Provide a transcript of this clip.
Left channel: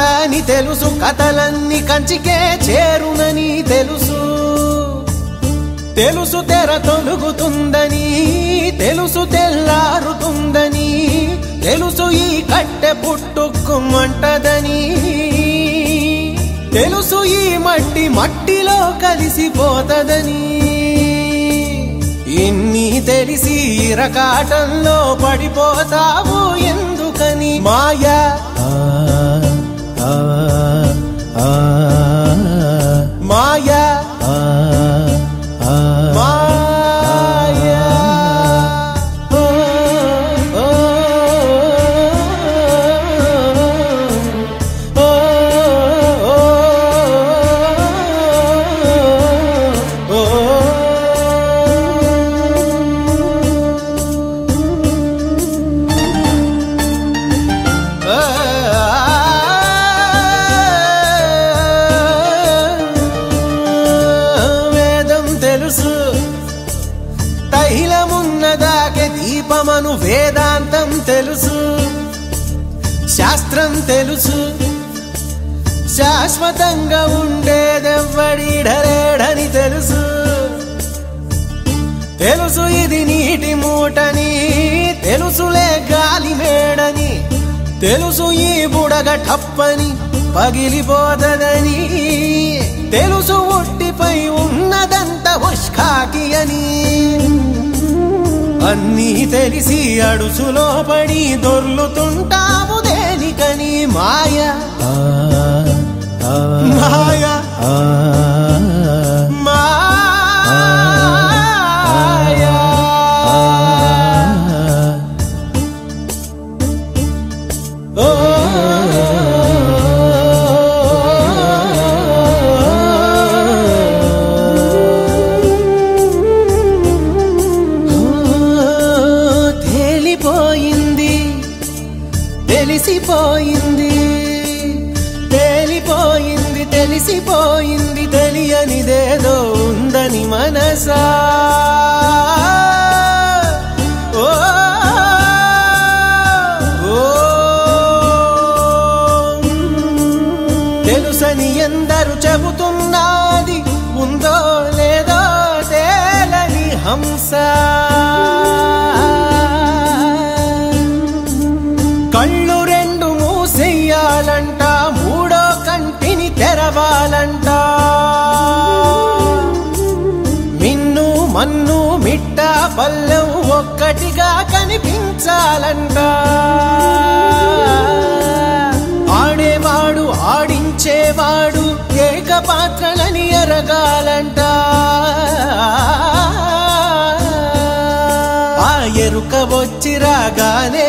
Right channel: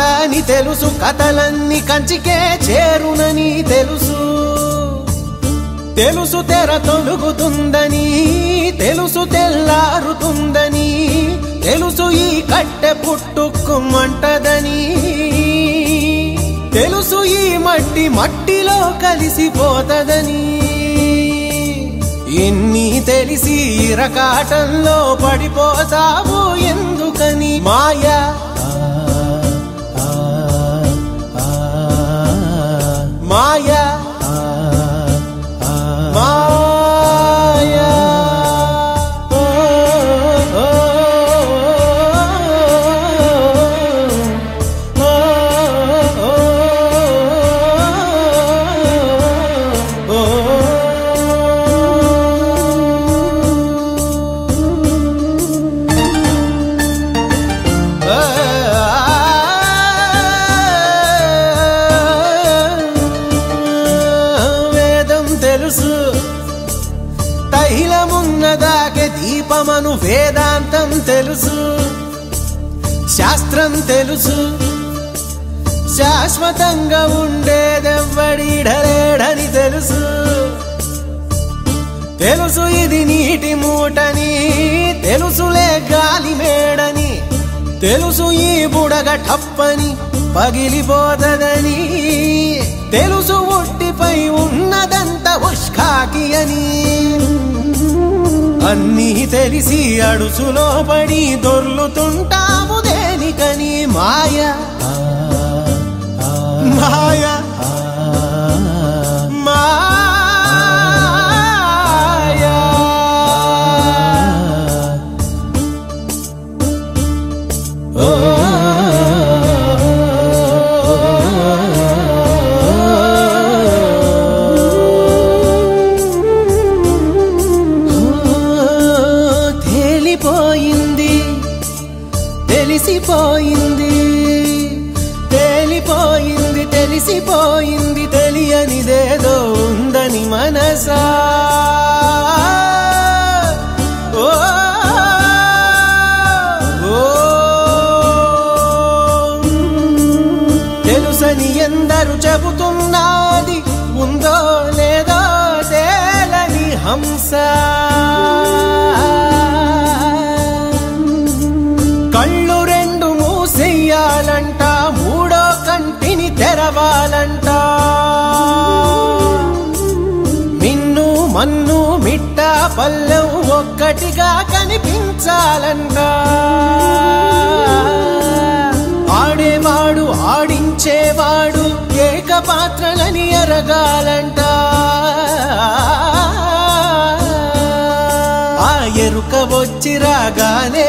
అంతాని తెలుసు, కథలన్నీ కంచికే చేరునని తెలుసు. తెలుసు తెర తొలుగుతుందని, తెలుసు తెల్లారుతుందని, తెలుసు ఈ కట్టె పుట్టుకుమంటదని, తెలుసు ఈ మట్టి మట్టిలో కలిసిపోతదని. ఇన్ని తెలిసి ఇరకాటంలో పడిపోతావు ఎందుకని? మాయా మాయా దీపమను వేదాంతం తెలుసు, శాస్త్రం తెలుసు, శాశ్వతంగా ఉండేదెవ్వడిడలేడని తెలుసు. తెలుసు ఇది నీటి మూటని, తెలుసులే గాలి మేడని, తెలుసు ఈ బుడగ టప్పని పగిలిపోతదని, తెలుసు ఒట్టిపై ఉన్నదంత హుష్కాకి అని. అన్నీ తెలిసి అడుసులో పడి దొర్లుతుంటాము దేనికని? మాయా మాయా మాయా. తెలిసిపోయింది, తేలిపోయింది, తెలిసిపోయింది, తెలియనిదేదో ఉందని మనసా. తెలుసని ఎందరు చెబుతున్నది, ఉందో లేదో తేలని హంస. కళ్ళు రెండు మూసేయాలంట, మూడో కంటిని తెరవాలంట. మిన్ను మన్ను మిట్ట పల్లెం ఒక్కటిగా కనిపించాలంట. ఆడేవాడు ఆడించేవాడు ఏకపాత్రలని ఎరగాలంట. ఆ ఎరుక వచ్చి రాగానే